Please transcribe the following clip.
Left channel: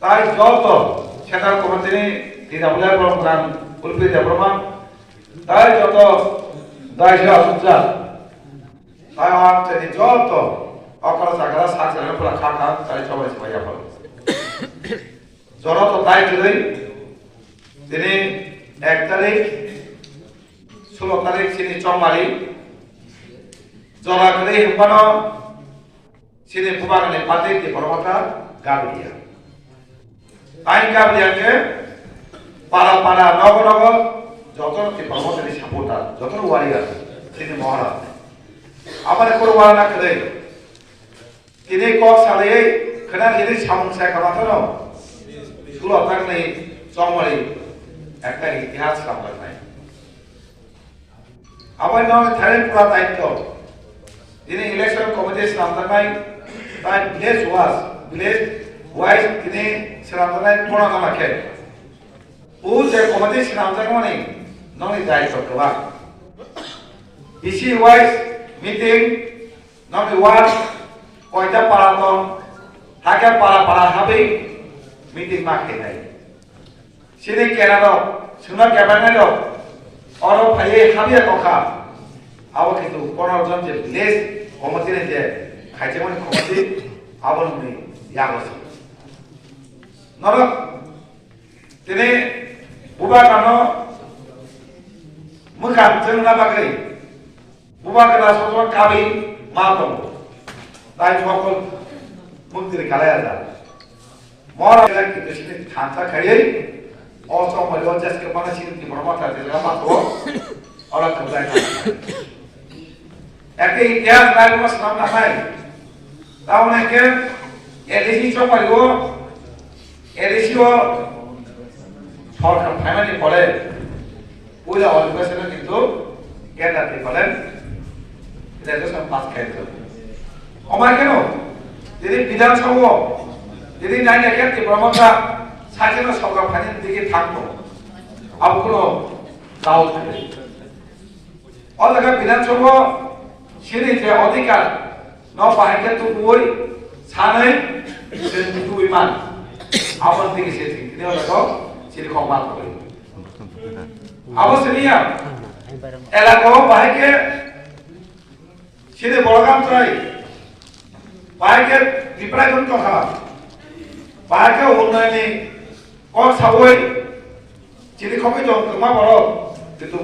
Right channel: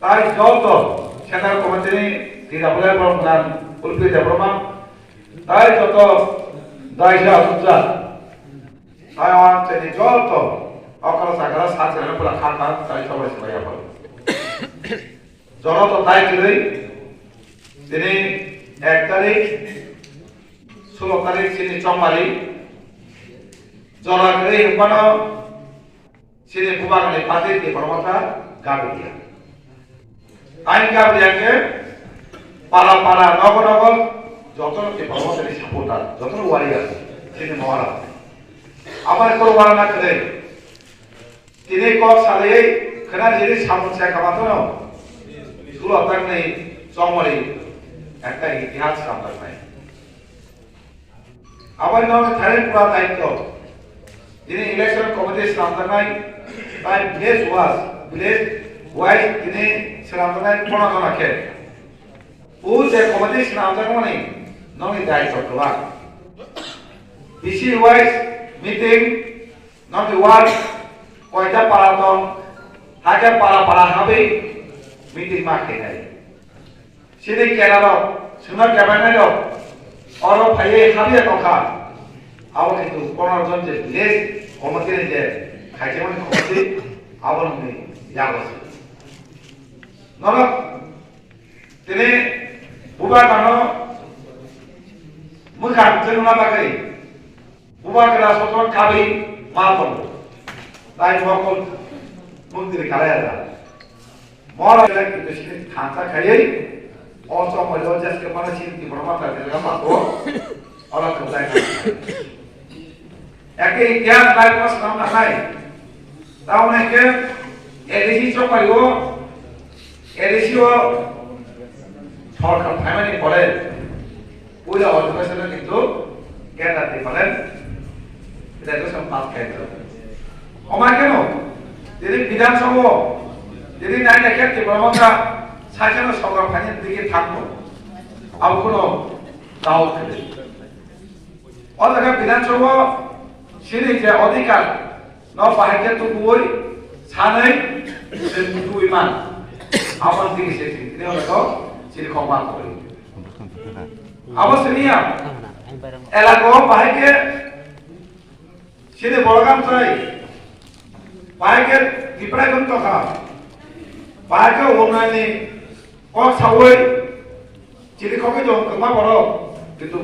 তাই যত central committee tidak boleh melakukan ulfi diploma তাই যত দায়িত্ব আছে তাই আমার তিনি যত অকল জায়গা সাথে পুরা খাতা তাই সবাই সবাই বল যত দায়িত্ব দেই তিনি 1 তারিখ 16 তারিখ তিনি চম্মারি জলা করে হুপানো তিনি কুবারনে পাতে দি বড়মাথা গাবিয়া আইন গাবিয়াকে পাড়া পাড়া নগর নগর যত বড়মাথারি সাপোর্টার যত ওয়ারিয়ার তিনি মহারাজ আমার কোরবান না করে তিনি কক সালে খনা যিনি সামুসা কামাতো না 16 তারিখ নেই চম্মারি একটা ইতিহাস আমরা নাই আবার নয় থাইল্যান্ড পুরা দায়িত্ব তিনি ইলেকশন কমিটির সামনে তাই ভিলেজ ওয়াইজ তিনি সামনে কোনা রাখে ও যে কমিটির সামনে মানে নয় দায়িত্ব দেওয়া ডিসি ওয়াইজ মিটিং নয় ওয়ার্ড কয়টা পাড়া হাজার পাড়া হবে মিটিং মাকে দেয় সেটা কেন শুনে ক্যাবিনেট और ये खालिया टका आव किन्तु 15 जन जे लेस कमिटी जे खाइजेमन कमिटी आवन नि यागस नर तिने बुबा कानो मुखा जनुना बागै बुबा करा सजन काबि मा दं ताई সকল মন্ত্রী কালায়া মর কিন্তু সে থাকা খাইয়ে also melodious ke mana sih di bermata di dalam tu orang kerja ini. Eki dia tahu mas nama saya. Tahu nak ke? Edisi cuma itu, edisi itu orang family boleh. Udah orang person itu dia tak boleh. Dia tu sempat kerja. Omar keno? Jadi bidang semua. Jadi nanya ke di bermata সাজানো সরকারের দিকে থাকবো আর কোনো দাও থাকে অথবা বিধানসভা সিঁড়ি যে অধিকার ন পাহাড়ে তো বই সানাই দুই মান আপনার দিকে সে তিনি হলো সিঁড়ি ক্ষমা করে অবশ্যই এলাকা পাহাড়ে সিঁড়ি বড়গাম চাই পাহাড়ে বিপ্রায়ন কথা পাহাড়ে উন্নয়নে और सावय चिली खके जो कमा बरो किंतु